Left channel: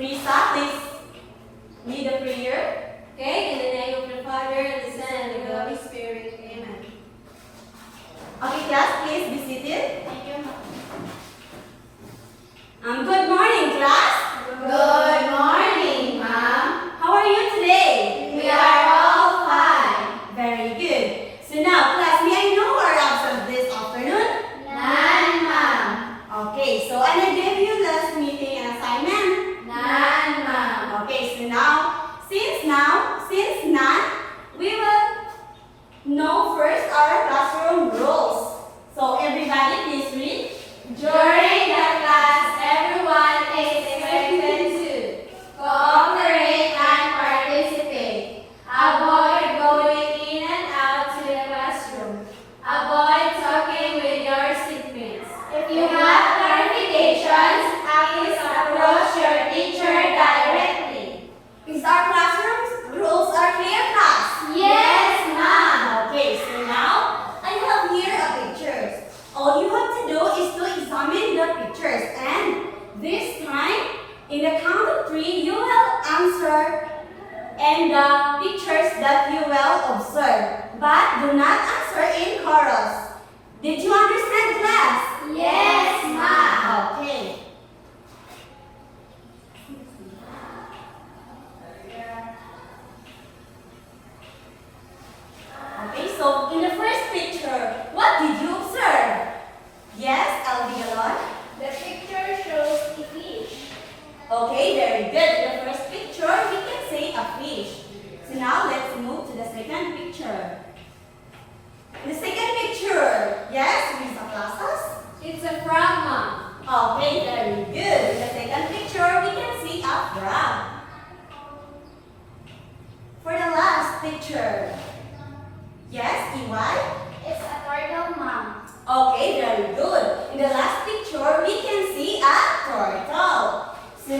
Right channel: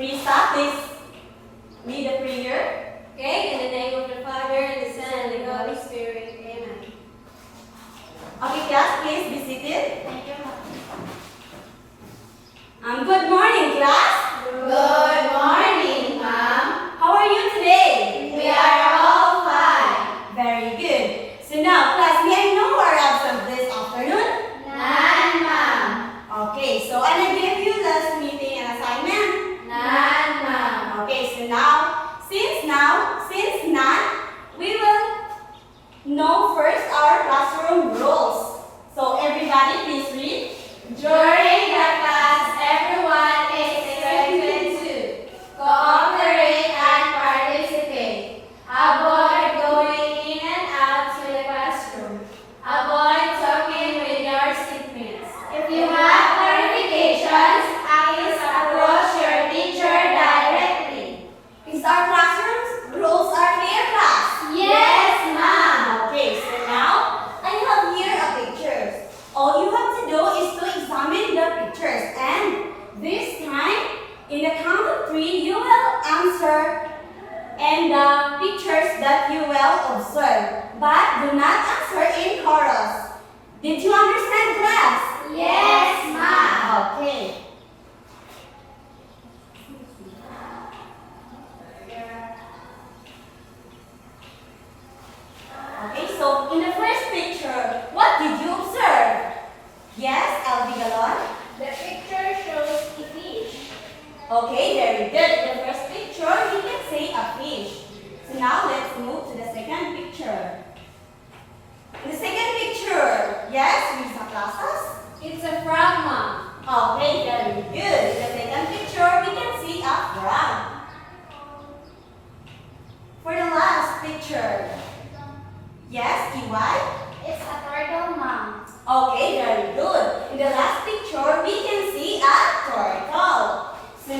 Prisa, please lead the prayer. Okay, in the name of the Father, and the Son, and the Holy Spirit. Amen. Okay, class, please be seated. Thank you. Good morning, class. Good morning, Ma'am. How are you today? We are all fine. Very good. So now, class, may I know who are absent this afternoon? None, Ma'am. Okay, so and I gave you last meeting an assignment. None, Ma'am. Okay, so since none, we will know first our classroom rules. So everybody, please read. During the class, everyone is expected to cooperate and participate. Avoid going in and out to the classroom. Avoid talking with your seatmates. If you have clarifications, please approach your teacher directly. Is our classroom rules are clear, class? Yes, Ma'am. Okay, so now I have here a pictures. All you have to do is to examine the pictures, and this time, in the count of 3, you will answer and the pictures that you will observe, but do not answer in chorus. Did you understand, class? Yes, Ma'am. Okay. Okay, so in the first picture, what did you observe? Yes, Alvi Galon? The picture shows a fish. Okay, very good. The first picture, we can say a fish. So now let's move to the second picture. In the second picture, yes, with the classes? It's a frog, Ma'am. Okay, very good. In the second picture, we can see a frog. For the last picture, yes, EY? It's a turtle, Ma'am. Okay, very good. In the last picture, we can see a turtle. So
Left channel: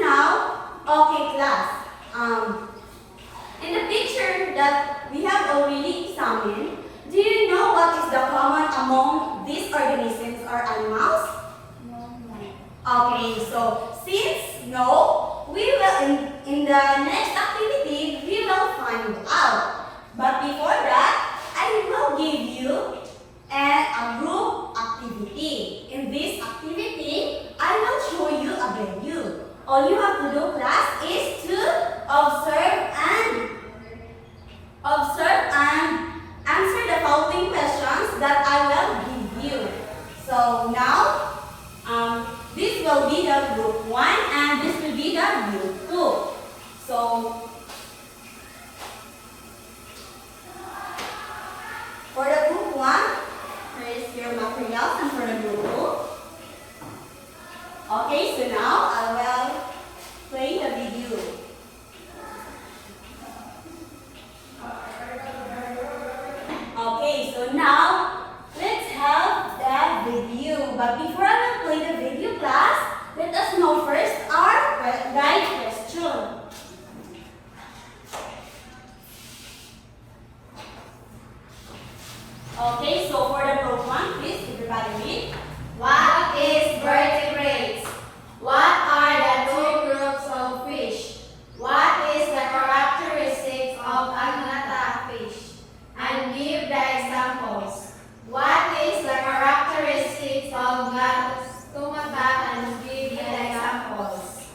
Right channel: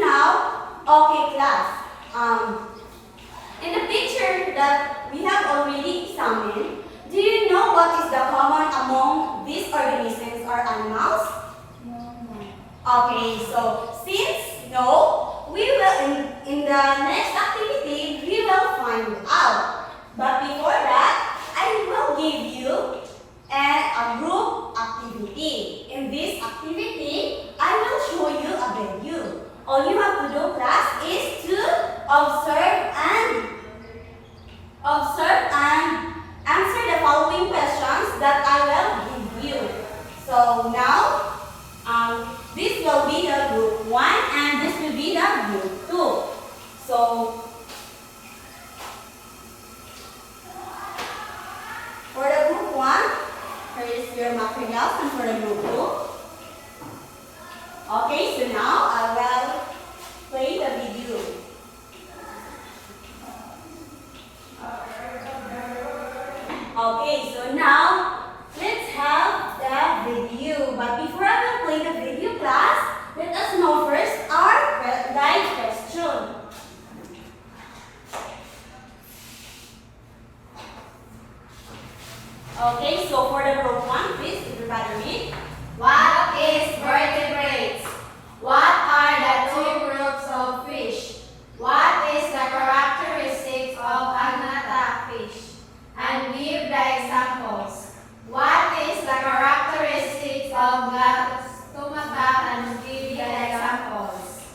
now, okay, class. In the picture that we have already examined, do you know what is the common among these organisms or animals? No, Ma'am. Okay, so since no, we will in the next activity we will find out. But before that, I will give you a group activity. In this activity, I will show you a video. All you have to do, class, is to observe and answer the following questions that I will give you. So now, this will be the group 1 and this will be the group 2. So, for the group 1, here is your materials, and for the group 2. Okay, so now I will play the video. Okay, so now let's have the video. But before I will play the video, class, let us know first our guide question. Okay, so for the group 1, please, everybody read. What is vertebrates? What are the two groups of fish? What is the characteristics of agnatha fish? And give the examples. What is the characteristics of stomata and give the examples.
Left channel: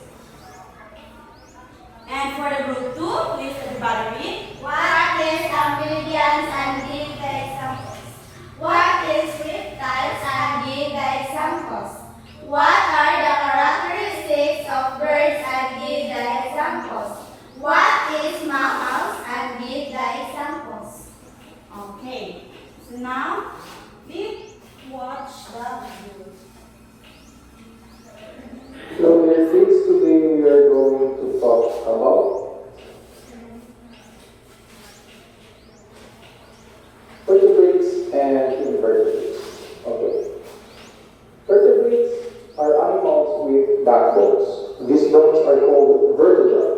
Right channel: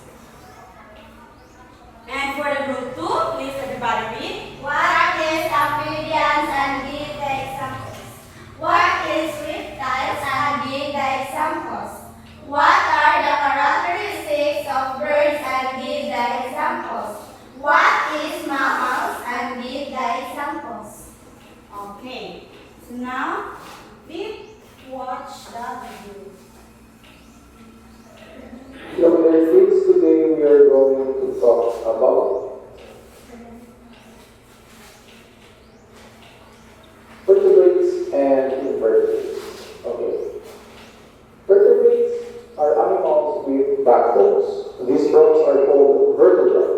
And for the group 2, please, everybody read. What is amphibians and give the examples. What is reptiles and give the examples. What are the characteristics of birds and give the examples. What is mammals and give the examples. Okay, so now please watch the video. So in our things today we are going to talk about vertebrates and invertebrates. Okay. Vertebrates are animals with backbones. These bones are called vertebrae,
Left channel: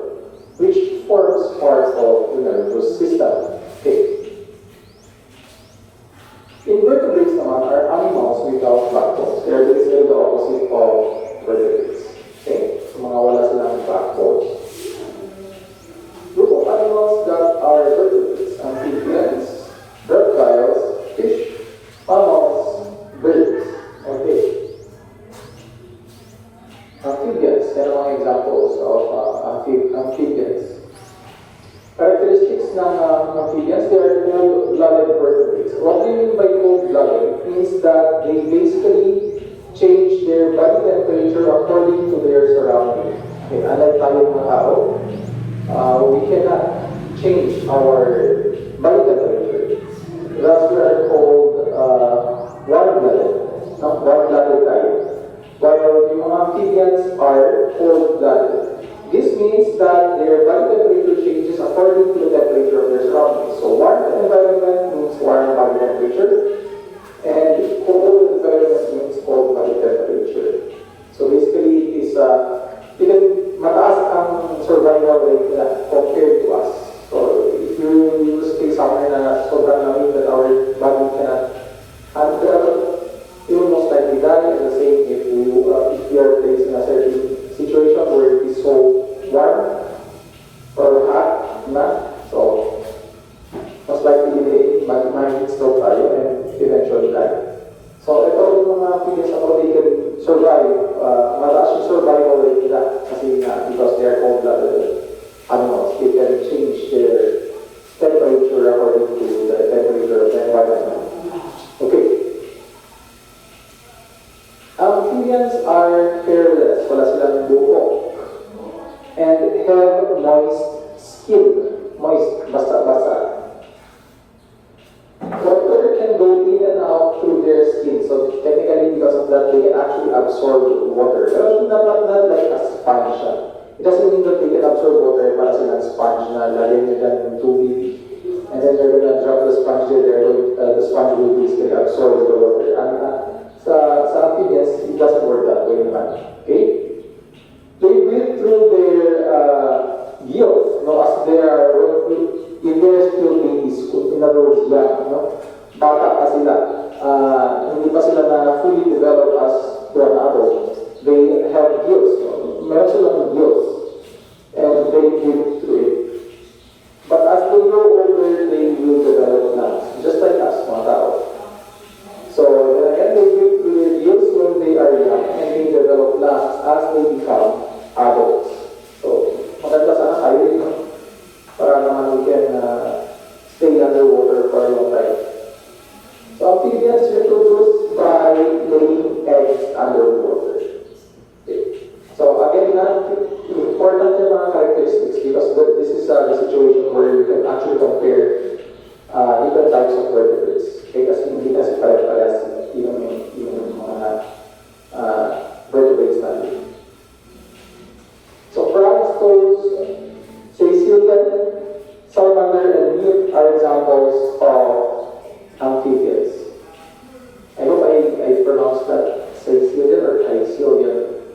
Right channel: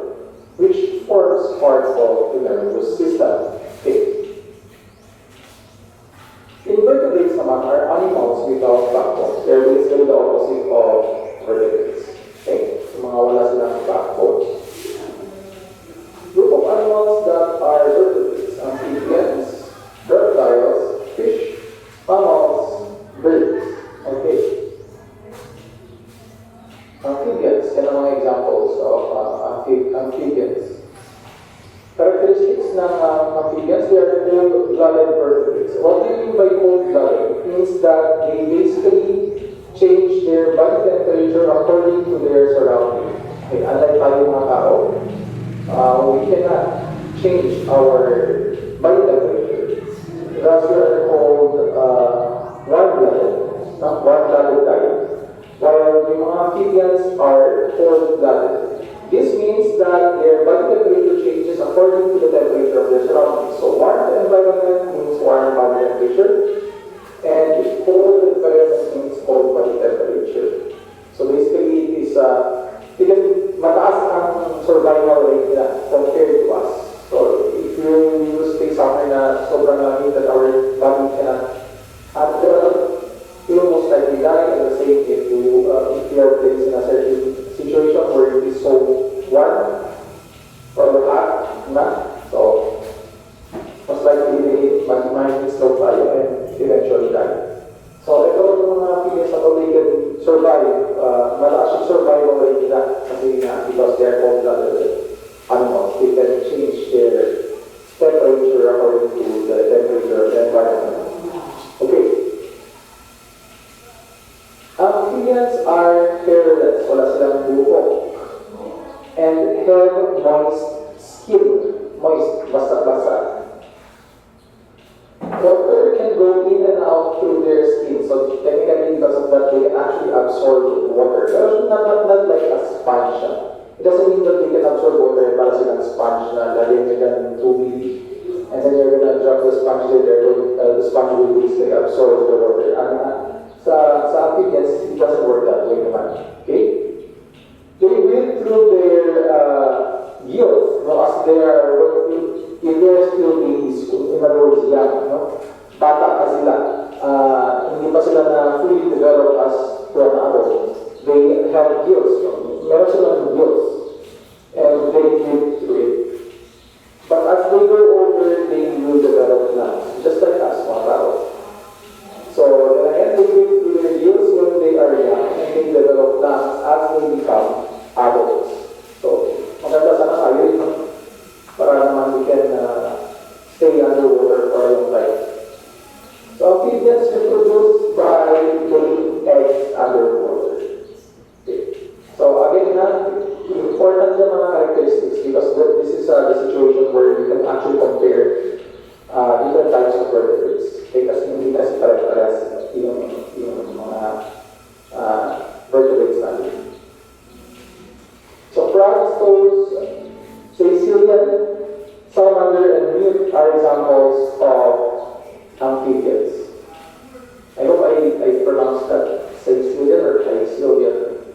which forms part of the nervous system. Okay. Invertebrates naman are animals without backbones. means that they basically change their body temperature according to their surroundings. Okay, unlike tayo mga tao, we cannot change our body temperature. That's what are called warm-blooded, warm-blooded type, while the mga amphibians are cold-blooded. This means that their body temperature changes according to the temperature of their surroundings. So warm environment means warm body temperature, and cold environment means cold body temperature. So basically, it is mataas ang survival rate na compared to us. So if you stay somewhere na sobrang lamig that our body cannot handle, you will most likely die. And the same if you are placed in a certain situation where it is so warm or hot, so most likely might explode tayo and eventually die. So ito yung mga amphibians na they can survive, mataas yung survival rate nila kasi nga because they are cold-blooded animals. They can change their temperature according to the temperature of the environment. Okay. Amphibians are hairless, wala silang buhok, and have moist skin. Moist, basa-basa. Water can go in and out through their skin, so technically because of that, they can actually absorb water. Pero not like a sponge. It doesn't mean that they can absorb water para silang sponge na lalagyan nila ng tubig, and then they're gonna drop the sponge there, the sponge will basically absorb the water. Sa amphibians, it doesn't work that way, man. Okay? They breathe through their gills, no, as they are, if they are still babies, in other words, young, no? Bata pa sila, hindi pa sila na fully developed as grown adults. They have gills, no? Meron silang gills, and they breathe through it. But as they grow older, they will develop lungs, just like us, mga tao. So, again, they breathe through their gills when they are young, and they develop lungs as they become adults. So, maganda sana tayo dito para naman we can stay underwater for a long time. So, amphibians reproduce by laying eggs underwater. Okay. So, again, important yung mga characteristics because this is the situation where you can actually compare different types of vertebrates. Okay, kasi hindi kasi pare-pares yung mga vertebrates natin. So frogs, toads, Sicilian, salamander, and newt are examples of amphibians. I hope I pronounced that Sicilian or Sicilian.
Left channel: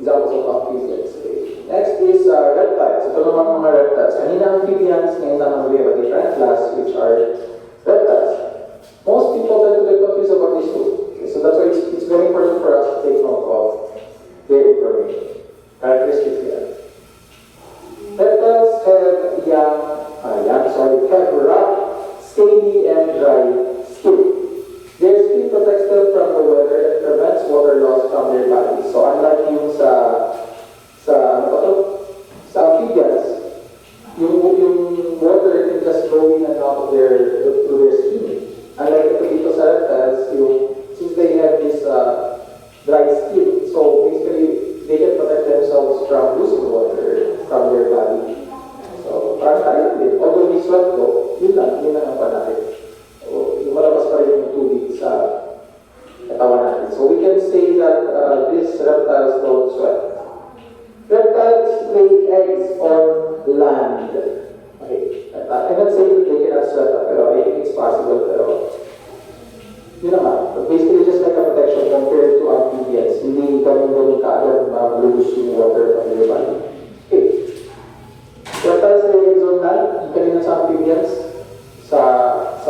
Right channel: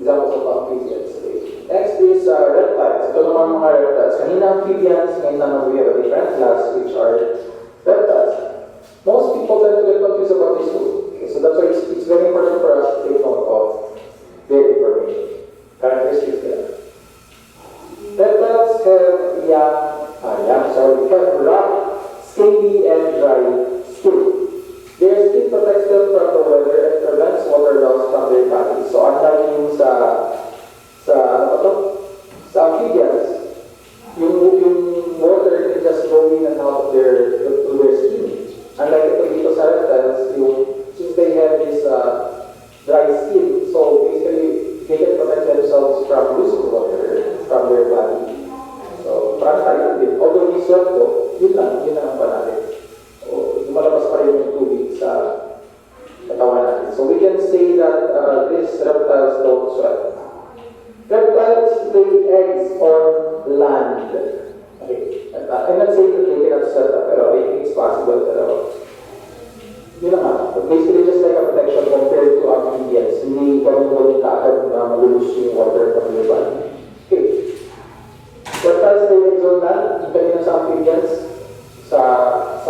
Examples of amphibians. Okay. Next is reptiles. Ito naman mga reptiles. Kanina amphibians, ngayon naman we have a different class which are reptiles. Most people tend to get confused about these two. Okay, so that's why it's very important for us to take note of their information. Characteristics there. Reptiles have rough, scaly, and dry skin. Their skin protects them from the weather and prevents water loss from their bodies. So unlike yung sa amphibians, yung water can just go in and out of their skin. Unlike ito sa reptiles, since they have this dry skin, so basically they can protect themselves from losing water from their body. So parang tayo din. Although we sweat though, yun lang ang pa natin. So lumalabas pa rin yung tubig sa katawan natin. So we can say that these reptiles don't sweat. Reptiles lay eggs on land. Okay. I'm not saying that they cannot sweat, pero I think it's possible. Pero yun nga, basically just like a protection compared to amphibians, hindi kami mo kaagad lose yung water from your body. Okay. Reptiles lay eggs on land, depende na sa amphibians, sa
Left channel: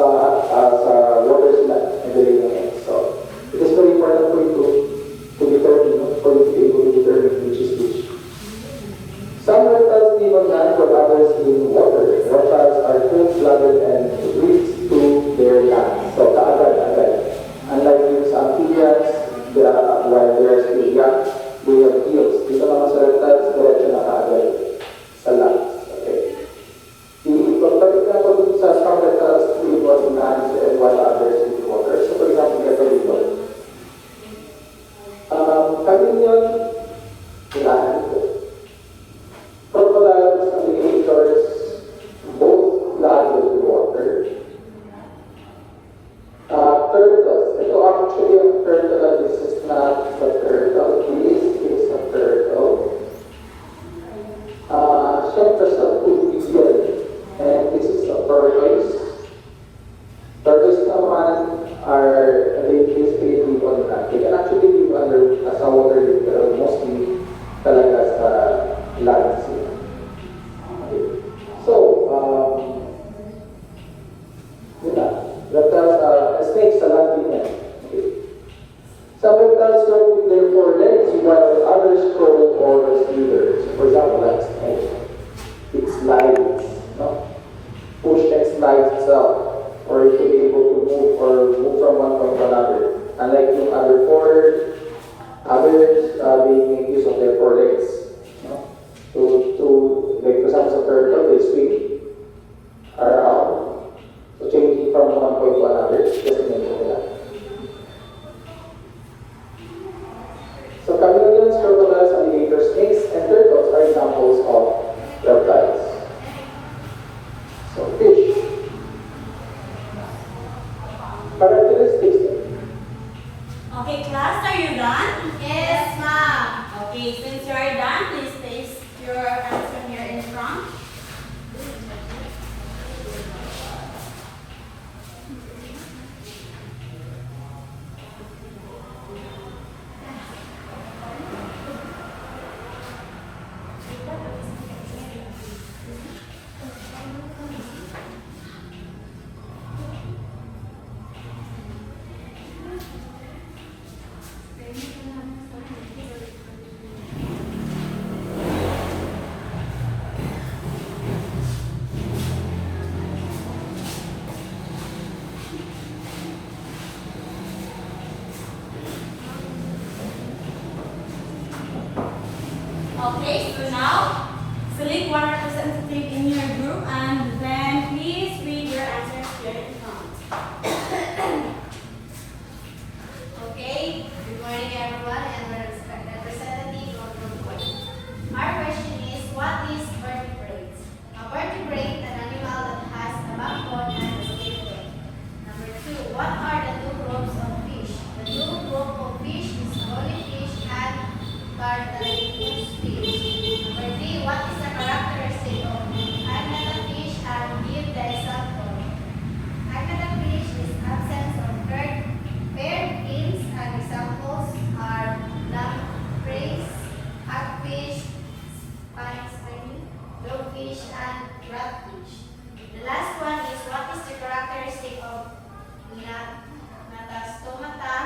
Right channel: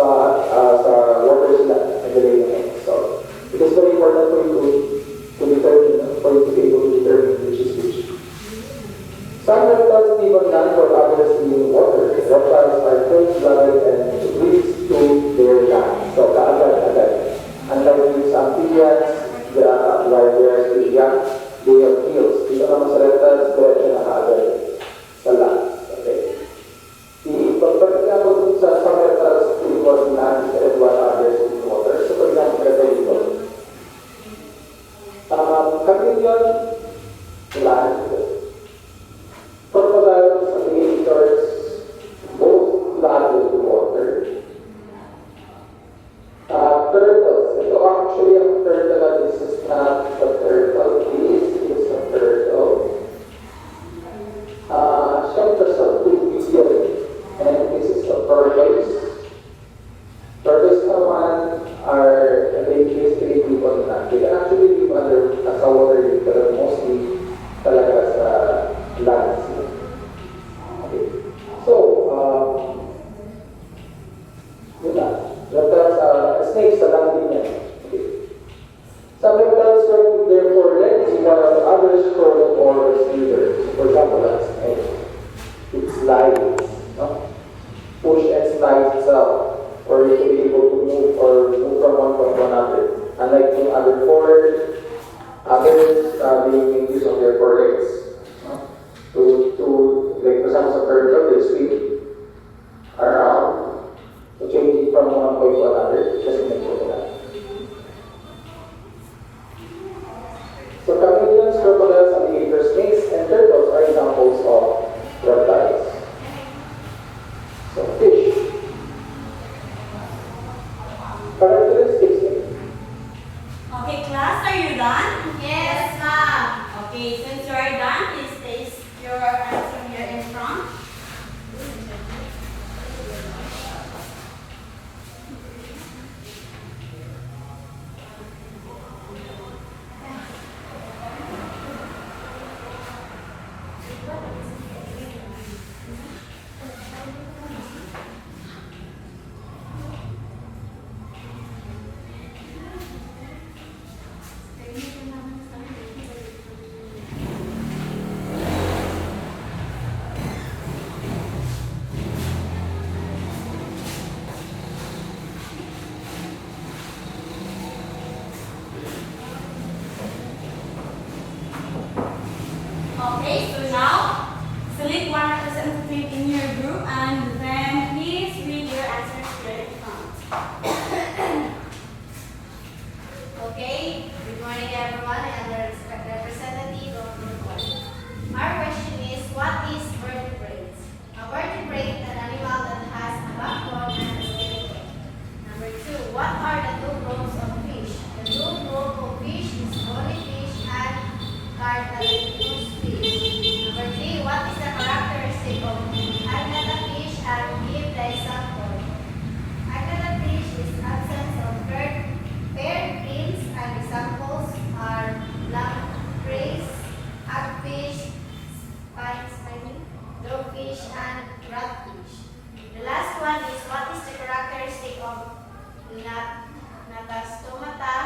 salmon are, they basically live on land. They can actually live under sa water, pero mostly talaga sa land. Okay. So, yun lang. Reptiles, snakes sa land din yan. Okay. Some reptiles crawl with their forelegs, while others crawl or slither. For example, that's snake. It slides, no? Push and slides itself, or it will be able to move from one point to another. Unlike in other forward, others they make use of their forelegs, no? To like for example, sa turtle, they swing around, so changing from one point to another. Just make sure of that. So chameleons, crocodiles, alligators, snakes, and turtles are examples of reptiles. So fish. Characteristics. Okay, class, are you done? Yes, ma'am. Okay, since you are done, please place your answer here in front. Okay, so now select one representative in your group and then please read your answers here in front. Okay, good morning everyone. I am a representative of Group 1. Our question is, what is vertebrate? A vertebrate, an animal that has a backbone and a skeleton. Number 2, what are the two groups of fish? The two group of fish is bony fish and cartilaginous fish. Number 3, what is the characteristic of agnatha fish and give the example? Agnatha fish is absence of paired fins and examples are lampreys, hagfish, dogfish, and ratfish. The last one is what is the characteristic of Natastomata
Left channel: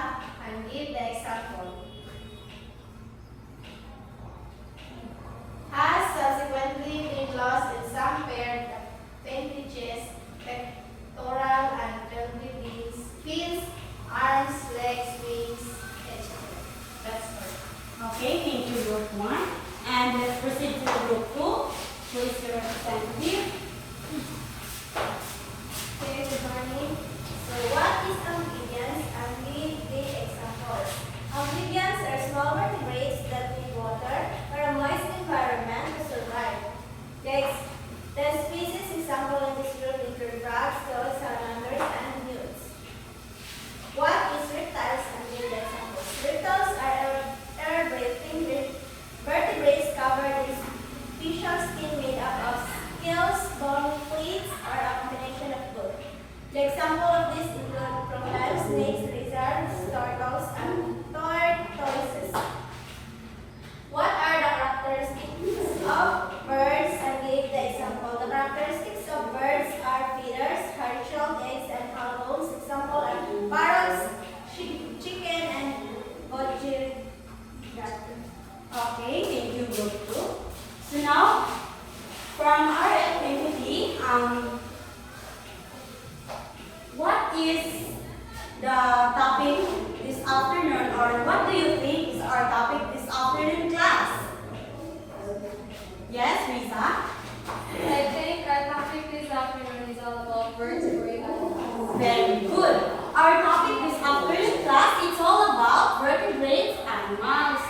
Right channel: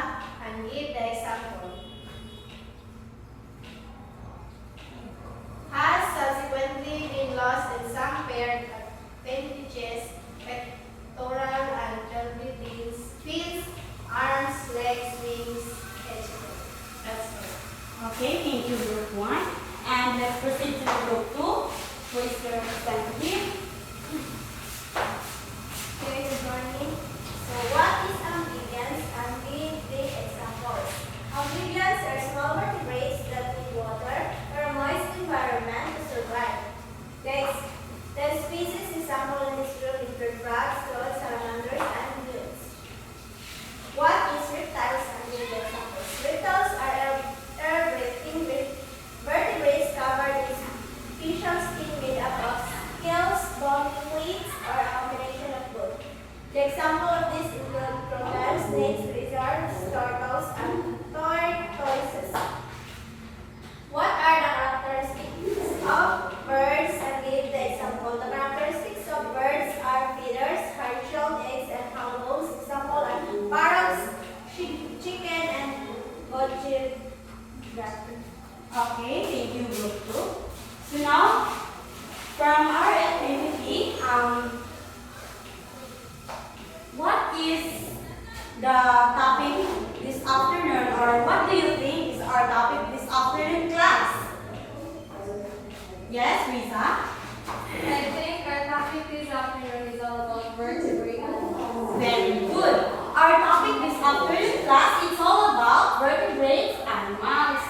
and give the example. Has subsequently been lost in some paired appendages, pectoral and pelvic fins, arms, legs, wings, etc. That's it. Okay, thank you, group 1. And let's proceed to group 2. Who is your representative? Okay, good morning. So what is amphibians and give the examples? Amphibians are small vertebrates that need water or a moist environment to survive. The species example in this group include frogs, toads, salamanders, and newts. What is reptiles and give the examples? Reptiles are air-breathing vertebrates covered in special skin made up of scales, bone, fleets, or a combination of both. The example of these include crocodiles, snakes, lizards, turtles, and tortoises. What are the characteristics of birds and give the example? The characteristics of birds are feathers, hard-shelled eggs, and hollow bones. Example are parrots, chicken, and ojibwa. Okay, thank you, group 2. So now, from our activity, what is the topic this afternoon, or what do you think is our topic this afternoon, class? Yes, Risa? I think our topic this afternoon is all about vertebrate animals. Very good. Our topic this afternoon, class, it's all about vertebrate animals.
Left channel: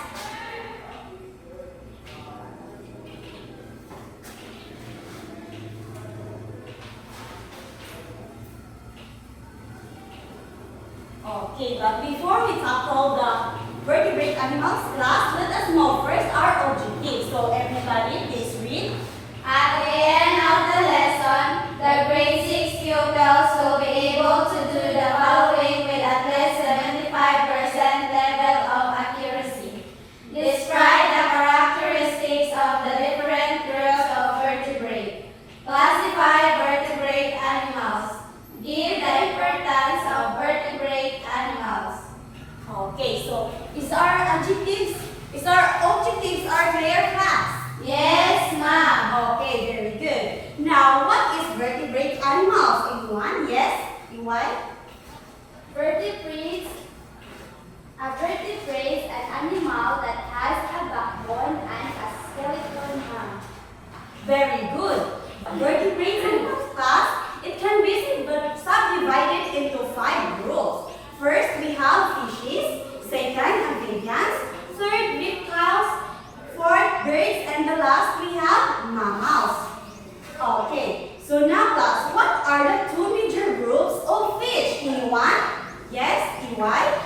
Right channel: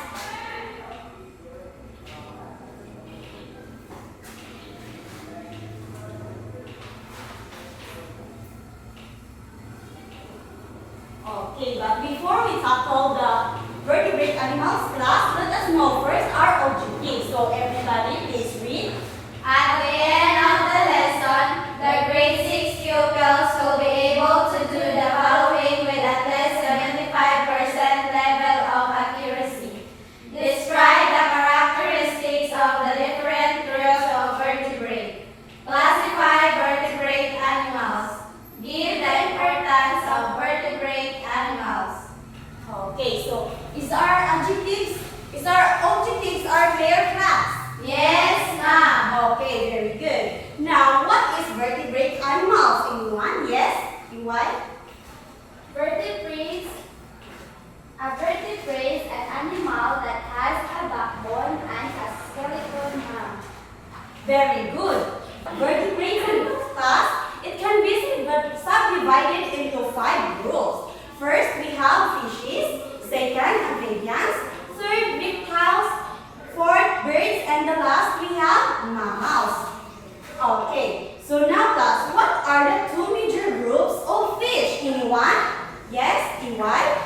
Okay, but before we tackle the vertebrate animals class, let us know first our objective. So everybody, please read. At the end of the lesson, the grade 6 pupils will be able to do the EY? Vertebrates. A vertebrate is an animal that has a backbone and a skeleton now. Very good. Vertebrate animals class, it can be subdivided into 5 groups. First, we have fishes. Second, amphibians. Third, reptiles. Fourth, birds. And the last, we have mammals. Okay, so now class, what are the 2 major groups of fish? Anyone? Yes, EY?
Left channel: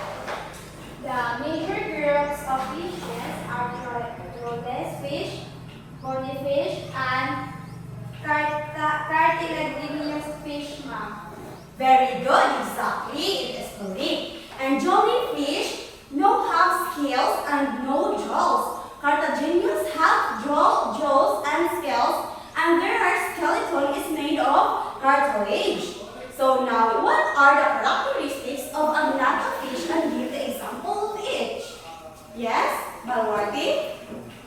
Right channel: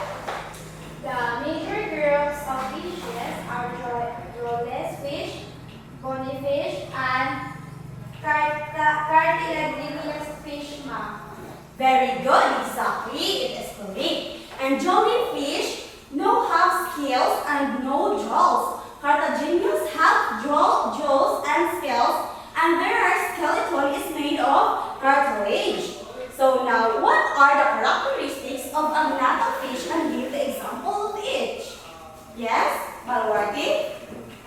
The major groups of fishes are trawlers fish, bonyfish, and cartilaginous fish, ma'am. Very good, exactly, it is correct. And jellyfish no have scales and no jaws. Cartilaginous have jaws and scales, and their skeleton is made of cartilage. So now, what are the characteristics of agnatha fish, and give the example of each? Yes, Balwati?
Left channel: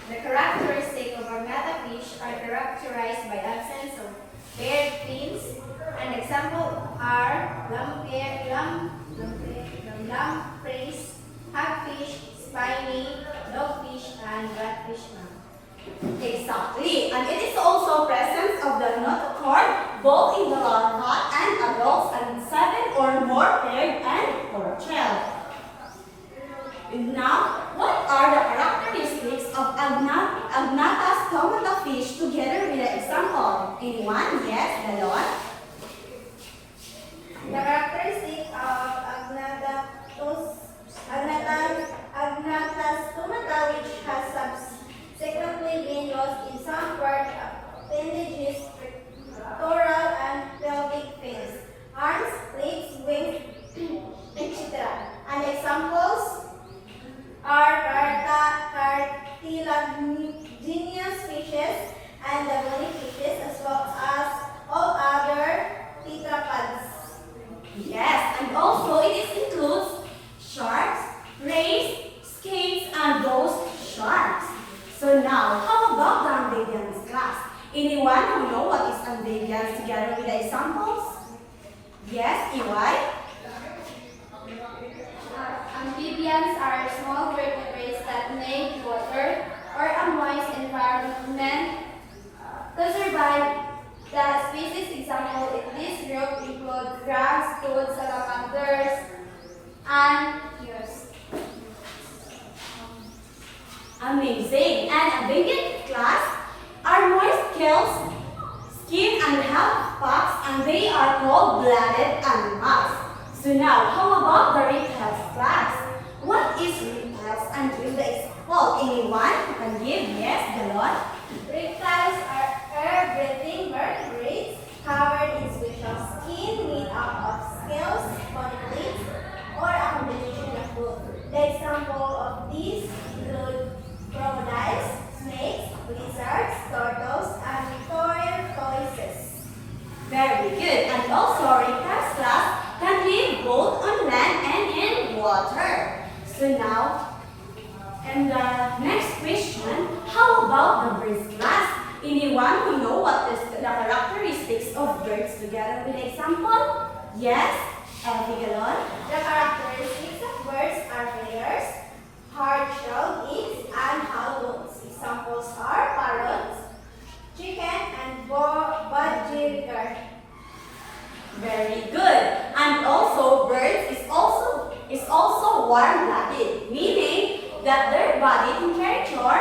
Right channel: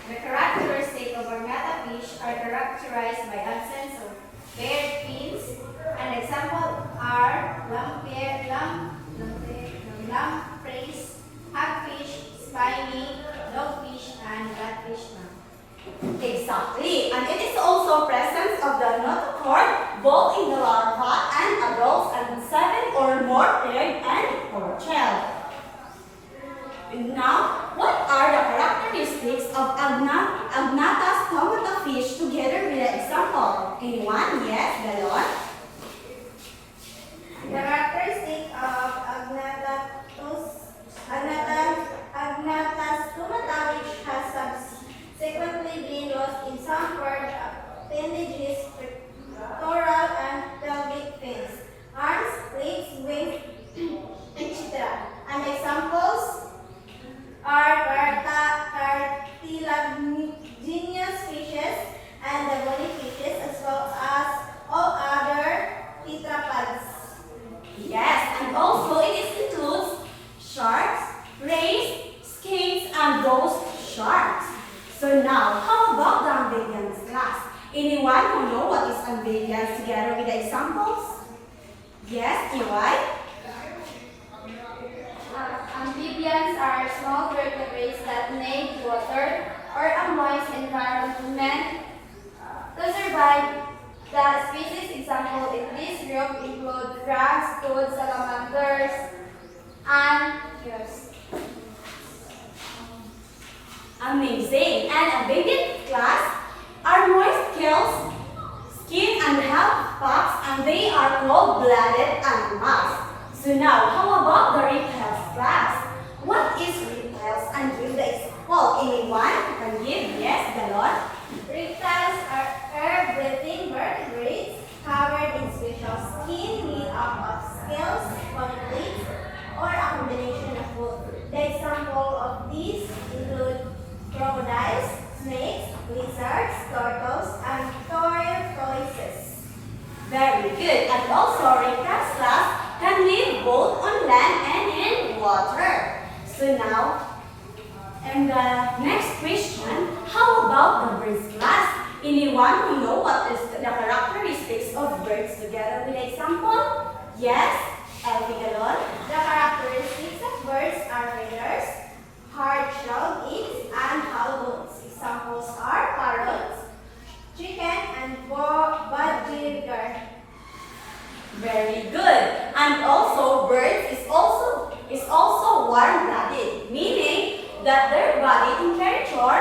The characteristics of agnatha fish are characterized by absence of paired fins. An example are lampreys, hagfish, spiny, dogfish, and ratfish, ma'am. Exactly, and it is also presence of the notochord both in the larva and adults and 7 or more paired and core-shell. Now, what are the characteristics of agnatha stomata fish together with an example? Anyone? Yes, Galon? The characteristic of Agnatha stomata, which has subsequently been lost in some part appendages, pectoral and pelvic fins, arms, legs, wings, etc. And examples are cartilaginous fishes and the bony fishes, as well as all other tetrapods. Yes, and also it includes sharks, rays, skates, and ghost sharks. So now, how about the amphibians class? Anyone who know what is amphibians together with the examples? Yes, EY? Amphibians are small vertebrates that make water or a moist environment to survive. The species example in this group include crabs, toads, salamanders, and yes. Amazing. And amphibian class are moist scales, skin, and have packs, and they are called blooded animals. So now, how about the reptiles class? What is reptiles, and give the example? Anyone who can give? Yes, Galon? Reptiles are air-breathing vertebrates covered in special skin made up of scales, polyplates, or a combination of both. The example of these include crocodiles, snakes, lizards, turtles, and tortoises. Very good. And also, reptiles class can live both on land and in water. So now, and the next question, how about the birds class? Anyone who know what is the characteristics of birds together with example? Yes, Galon? The characteristics of birds are feathers, hard-shelled eggs, and hollow bones. Examples are parrots, chicken, and budgerigar. Very good. And also, birds is also warm-blooded, meaning that their body temperature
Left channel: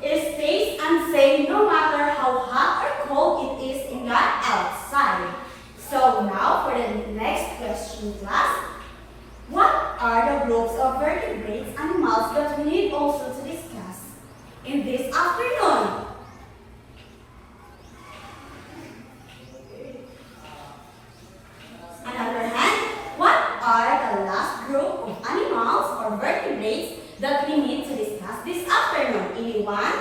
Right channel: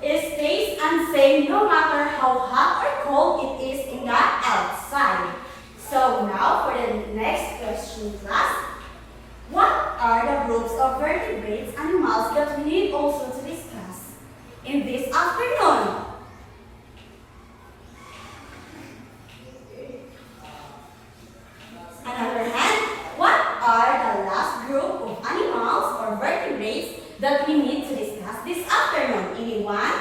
stays unsame no matter how hot or cold it is in the outside. So now for the next question, class. What are the groups of vertebrate animals that we need also to discuss in this afternoon? On the other hand, what are the last group of animals or vertebrates that we need to discuss this afternoon? Anyone?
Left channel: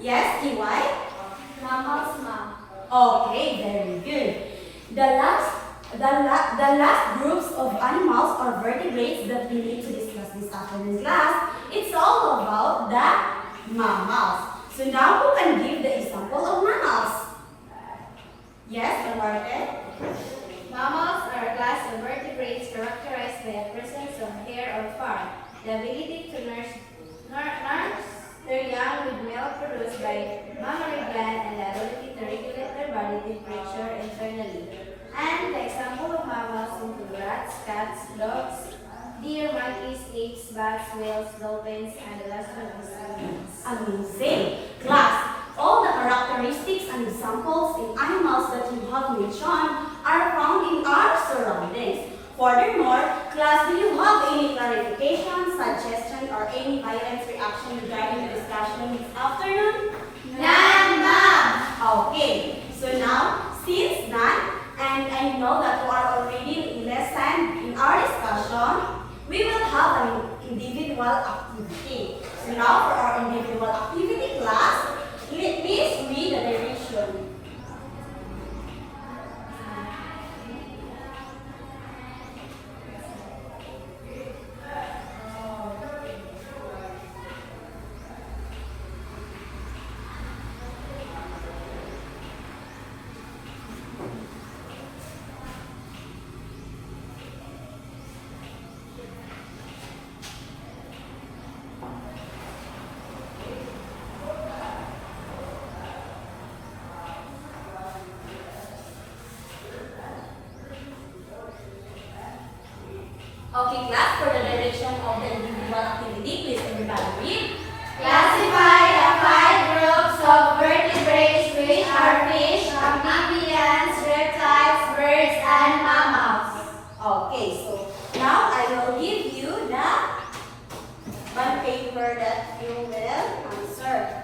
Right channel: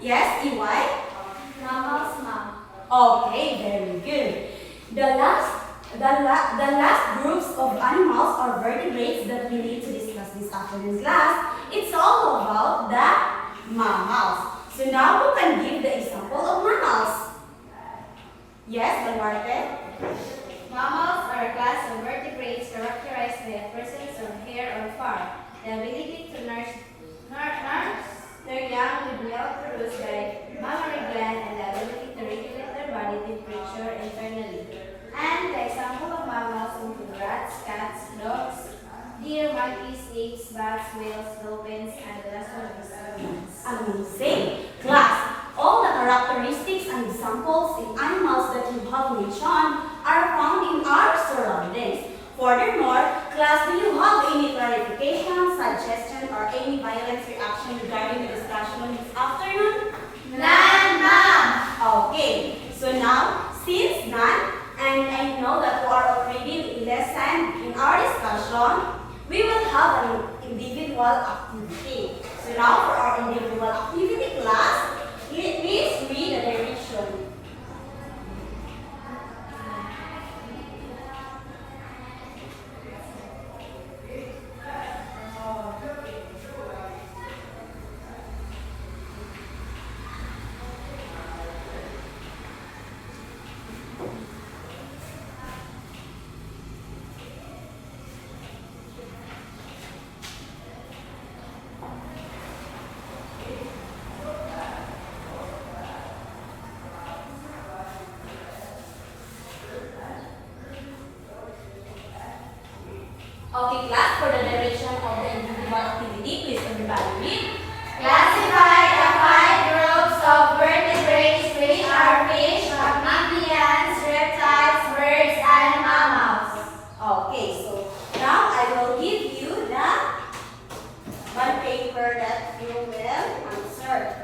Yes, EY? Mammals, ma'am. Okay, very good. The last groups of animals or vertebrates that we need to discuss this afternoon class, it's all about the mammals. So now who can give the example of mammals? Yes, Balwarte? Mammals are a class of vertebrates characterized by a presence of hair or fur, the ability to nurse their young with milk produced by mammary gland, and the ability to regulate their body temperature internally. And the example of mammals include rats, cats, dogs, deer, monkeys, apes, bats, whales, dolphins, and the last one is humans. Amazing! Class, all the characteristics and examples in animals that you have mentioned are found in our surroundings. Furthermore, class, do you have any clarification, suggestion, or any violent reaction regarding the discussion this afternoon? None, ma'am. Okay, so now, since none, and I know that you are already listened in our discussion, we will have an individual activity. So now for our individual activity class, please read the direction. Okay, class, for the direction of the individual activity, please everybody read. Classify the 5 groups of vertebrates, which are fish, amphibians, reptiles, birds, and mammals. Okay, so now I will give you the one paper that you will answer.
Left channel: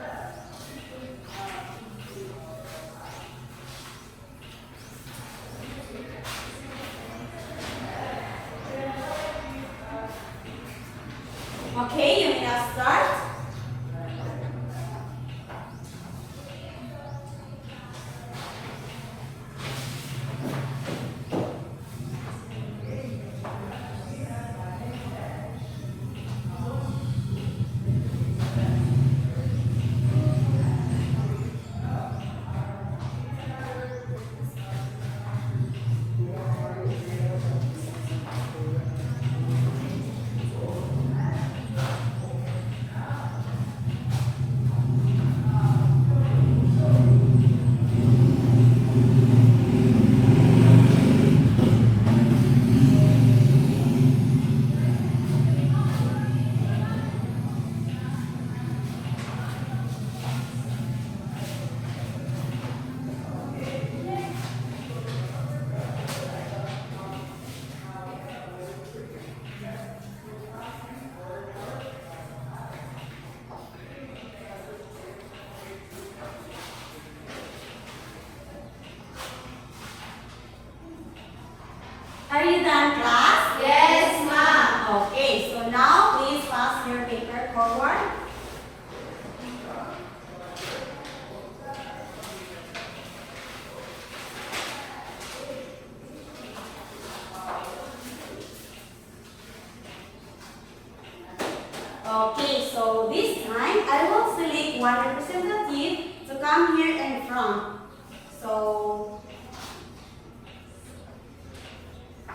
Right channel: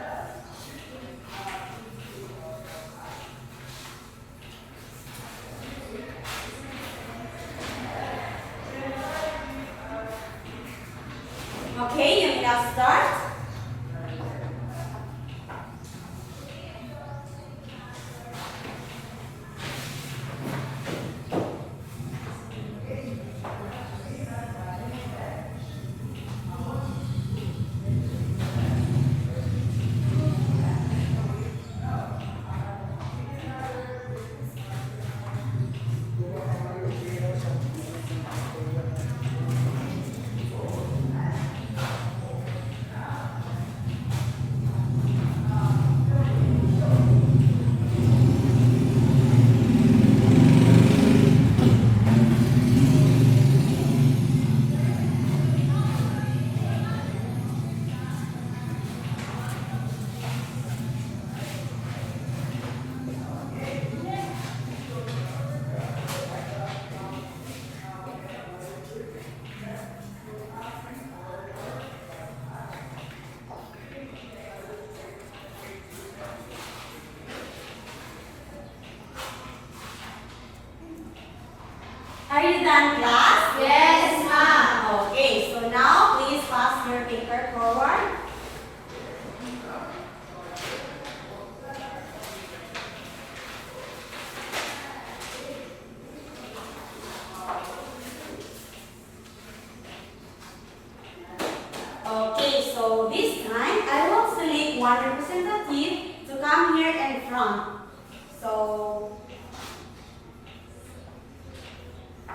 Okay, you may now start. Are you done, class? Yes, ma'am. Okay, so now please pass your paper forward. Okay, so this time I will select one representative to come here in front. So,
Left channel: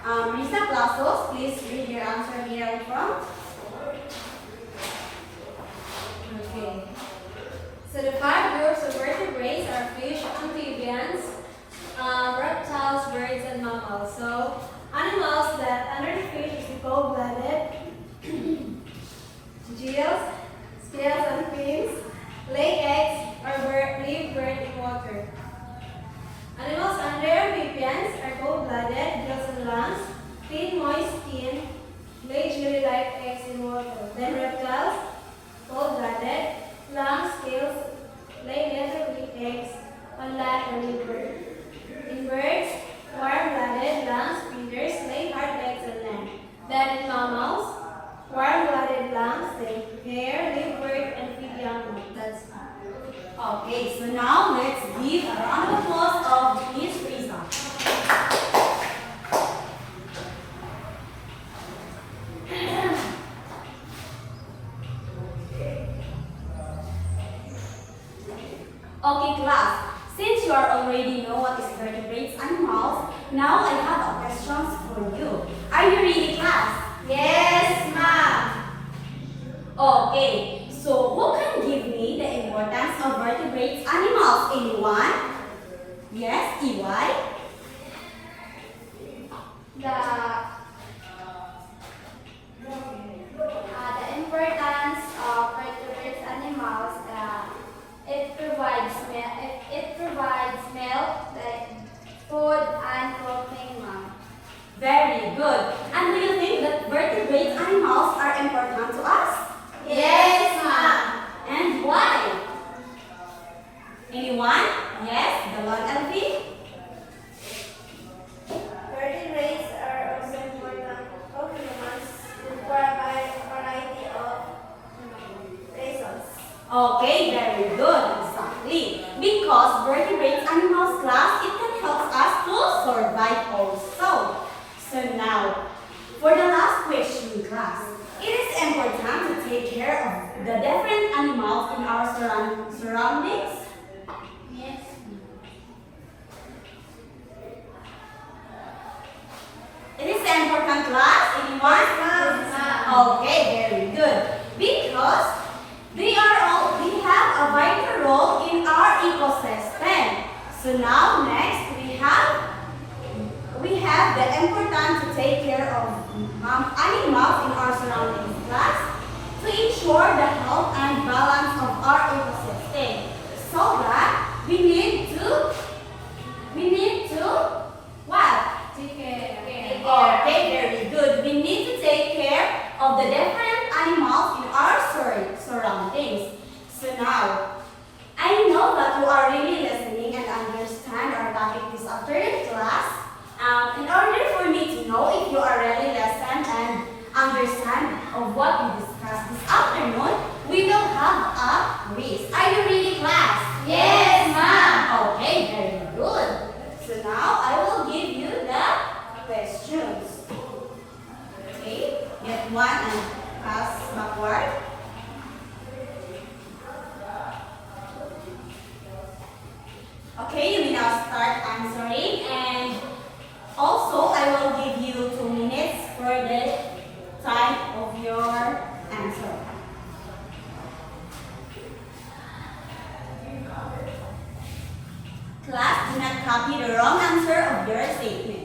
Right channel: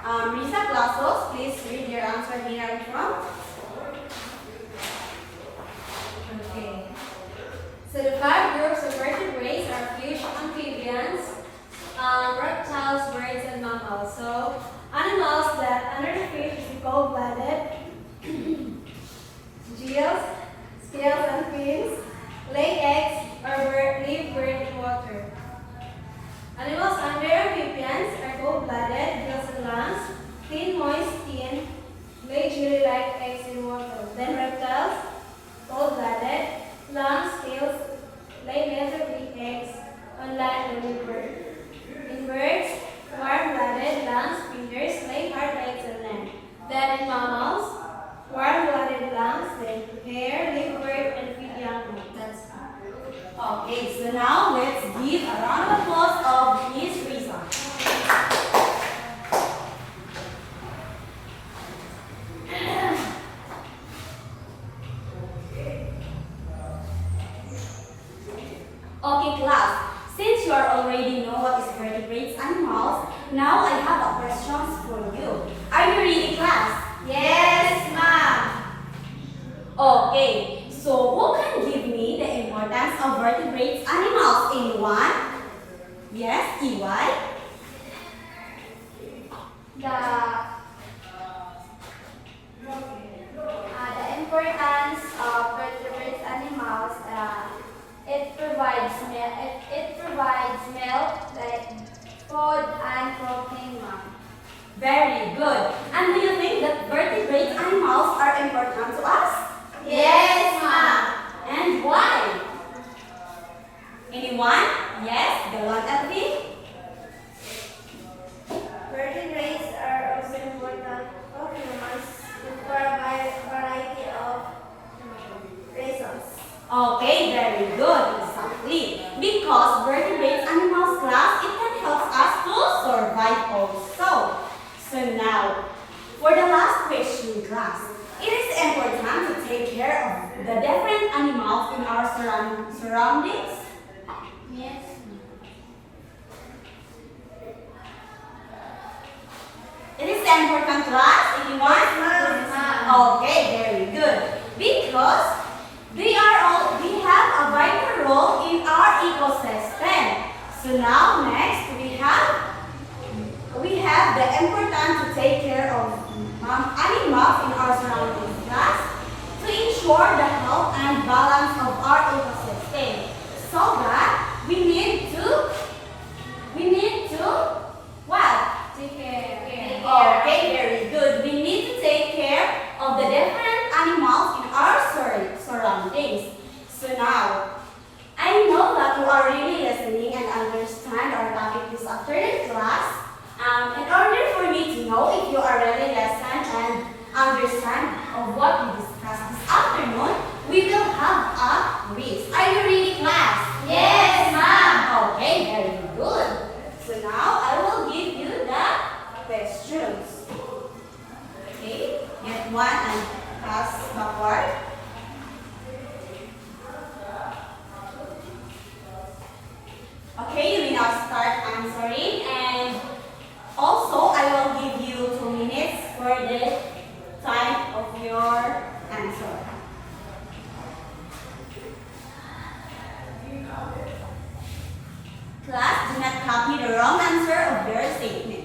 Risa Clasos, please read your answer here in front. Okay. So the 5 groups of vertebrates are fish, amphibians, reptiles, birds, and mammals. So animals that under the fish is cold-blooded, gills, scales, and fins, lay eggs, or live buried in water. Animals under amphibians are cold-blooded, gills and lungs, thin, moist skin, lay jelly-like eggs in water. Then reptiles, cold-blooded, lungs, scales, lay leather-weak eggs on land or liver. In birds, warm-blooded, lungs, feeders, lay hard eggs on land. Then in mammals, warm-blooded lungs, then hair, live bird, and feed young ones. That's Okay, so now let's give a round of applause of Miss Risa. Okay, class. Since you already know what is vertebrates animals, Now I have a questions for you. Are you ready, class? Yes, ma'am. Okay, so who can give me the importance of vertebrate animals? Anyone? Yes, EY? The importance of vertebrate animals, it provides milk, like food and clothing, ma'am. Very good. And do you think that vertebrate animals are important to us? Yes, ma'am. And why? Anyone? Yes, the one, Elfie? Vertebrates are also important of humans for a variety of reasons. Okay, very good. Exactly. Because vertebrate animals class, it can help us to survive also. So now, for the last question class, it is important to take care of the different animals in our surroundings. Yes. It is important class, anyone? Yes, ma'am. Okay, very good. Because they have a vital role in our ecosystem. So now next we have the importance to take care of animals in our surroundings class to ensure the health and balance of our ecosystem. So that we need to what? Take care. Okay, very good. We need to take care of the different animals in our surroundings. So now, I know that you are really listening and understand our topic this afternoon class. In order for me to know if you are really listening and understand of what we discussed this afternoon, we will have a quiz. Are you ready, class? Yes, ma'am. Okay, very good. So now I will give you the questions. Okay, get one and pass backward. Okay, you may now start answering, and also I will give you 2 minutes for the time of your answer. Class, do not copy the wrong answer of your statement.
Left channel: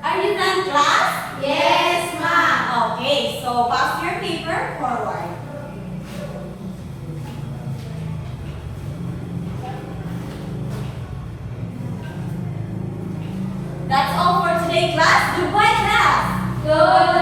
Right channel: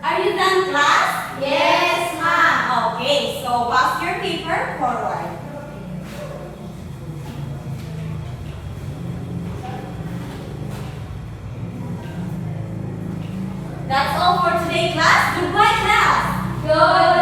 Are you done, class? Yes, ma'am. Okay, so pass your paper forward. That's all for today, class. Goodbye, class. Good